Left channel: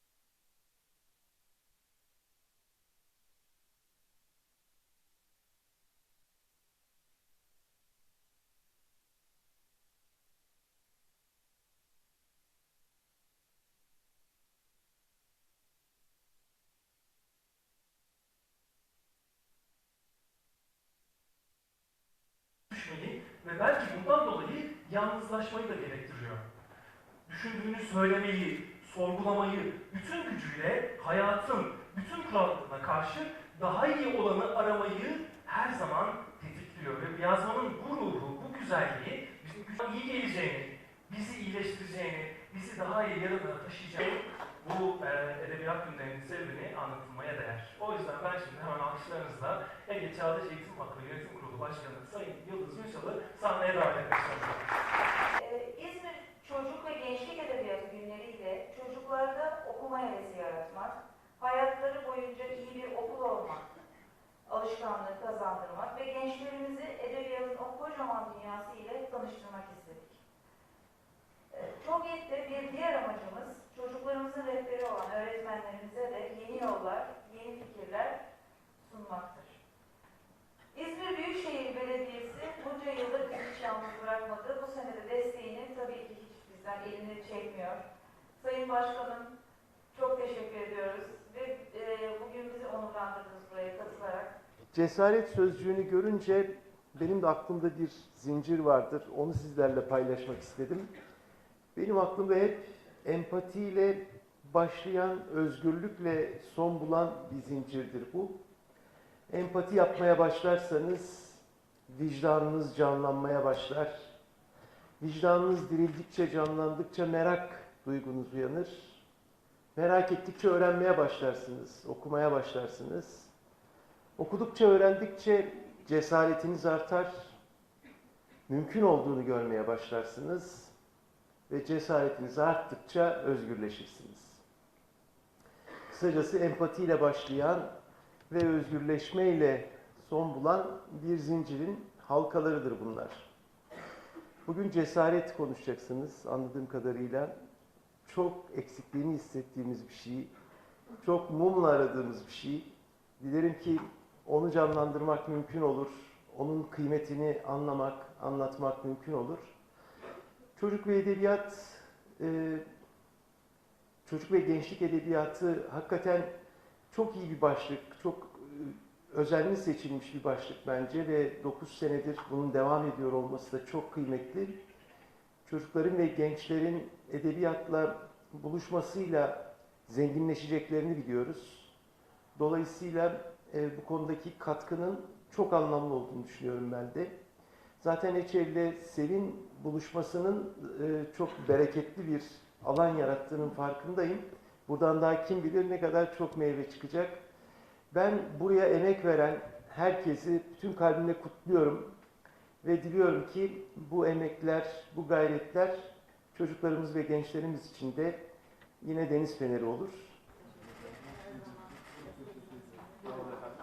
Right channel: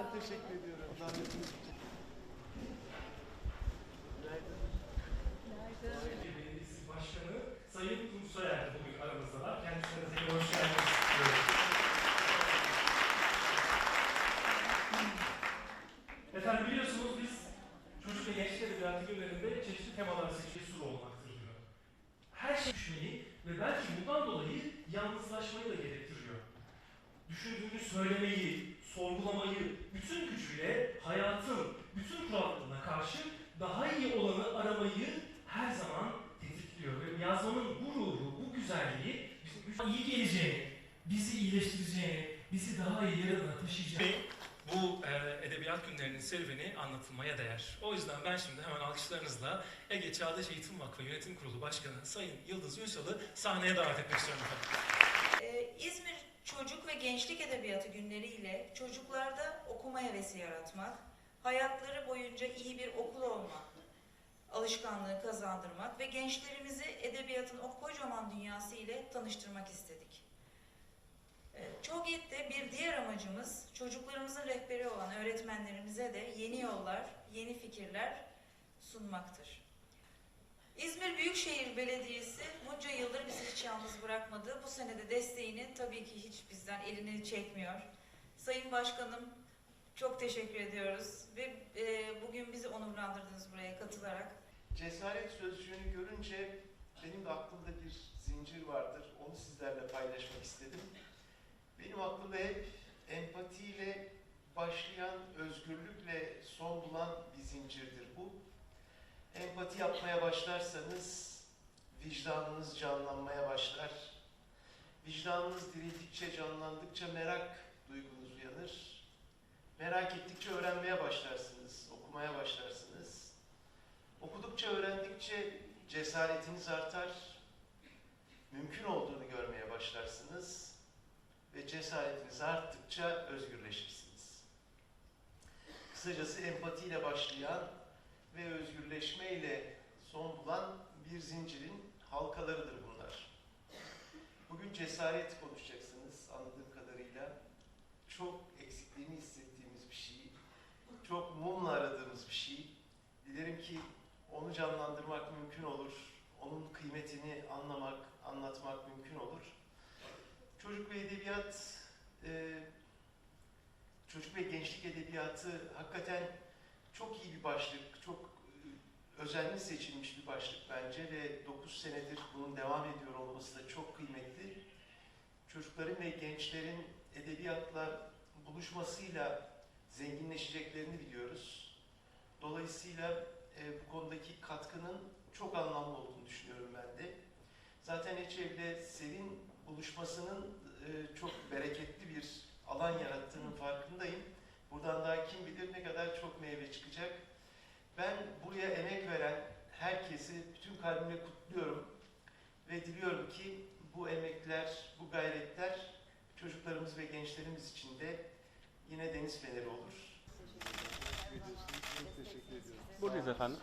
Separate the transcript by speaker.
Speaker 1: Çok teşekkür ediyorum. Davetiniz için. Günaydın.
Speaker 2: Sayın Belediyesi Başkanı Sayın Tunç Soyer bugün aramızdalar. Kendisine de hoş geldiniz. diyorum. Efendim biliyorsunuz biz çocuk ve gençlik edebiyatı günlerinde çeşitli temaları seçmeyi sur olmaktır diyor. Her şey düşmeyi ve belki bundan dolayı yalnızlaşmayı da gerektiriyor. Düşündüğünü söylemeyi, sorgulamayı, bütün gücüyle hayatın bütün kurallarına karşı daha iyi olanı aramayı her zaman tetikliyor. Ve yazmanın bu ruhu, bu güzelliği bizim iyi geleceğini, bizi iyileştireceğini, bizi daha iyi yarına taşıyacağını bu e, edebiyat günlerinin serüveni anlatılmaya değer. O yüzden ben şimdi hemen alkışlarınızla Ege Çağdaş Eğitim Vakfı Yönetim Kurulu Başkanı Sayın Yıldız Ünsal'ı sahneye davet etmek istiyorum.
Speaker 3: Çocuk ve Gençlik Edebiyatı günleri ile çocuklarda okuma hevesi yaratmak, hayatları boyunca iyi bir okul olmak, alışkanlığı kazandırmak ve gençlerimizi edebiyatın o kocaman dünyası ile tanıştırmak istedik. Ee, Çogye'de bir diğer amacımız çocuklarımızın rehberi olan öğretmenlerimize de yeni yollar, yeni fikirler sunmaktır. İzmir Büyükşehir Belediyesi bunca yıldır bizi hiç yalnız bırakmadı. Bu sene de desteğini tabii ki bizden elini çekmiyor. Sayın Başkanım çok teşekkür ediyoruz ve e, bugün bizi onurlandırdınız buraya katılarak.
Speaker 1: Cesaret sözcüğünü görünce benim de aklımda bir zincir vardır. Onu sizlerle paylaşmak istedim. Benim aklımda hep empatiyle başlayan, özgürlükle son bulan bir zincirdir bu. Empati yapmaya başlarsanız vicdanınız canlanmaya başlar. Vicdanınız dirildikçe, canlandıkça merak duygunuz uyanır. Merak ettikçe öğrenmeye başlarsınız, okumaya başlarsınız. Okudukça, öğrendikçe cesaretiniz artar. Mümkün olduğunu görmeye başlarsınız ve cesaretiniz arttıkça özgürleşirsiniz. Kısacası empatiyle başlayan ve özgürleşmeyle son bulan bir zincirin halkalarıdır bunlar. Bugün cesaret konuşacaksınız anladığım kadarıyla. Çok eksikliğini hissettiğimiz bir şey, çok mumla aradığımız bir şey. Dilerim ki onu canlandırmak mümkün olur. Onun kıymetini anlamak, anlatmak mümkün olur. Çocuk ve edebiyat, e, çocuk ve gençlik edebiyatı hakikaten çok iyi bir başlık, çok e, özenli seçilmiş bir başlık bence ve 9 senedir bunun devam ediyor olması da çok kıymetli. Çocukların ve gençlerin edebiyatla buluşmasıyla zenginleşeceklerini biliyoruz. Dolayısıyla e, bu konudaki katkının çok anlamlı olduğunu düşünüyorum ben de. Zaten Eçev'le Selin buluşmasının e, çok bereketli bir alan yarattığının farkındayım. Buradan daha kim bilir ne kadar çok meyve çıkacak. Ben buraya emek veren herkesi bütün kalbimle kutluyorum ve diliyorum ki bu emekler, bu gayretler çocuklarımız ve gençlerimiz için de yine deniz feneri olur.
Speaker 4: Buradayız efendim.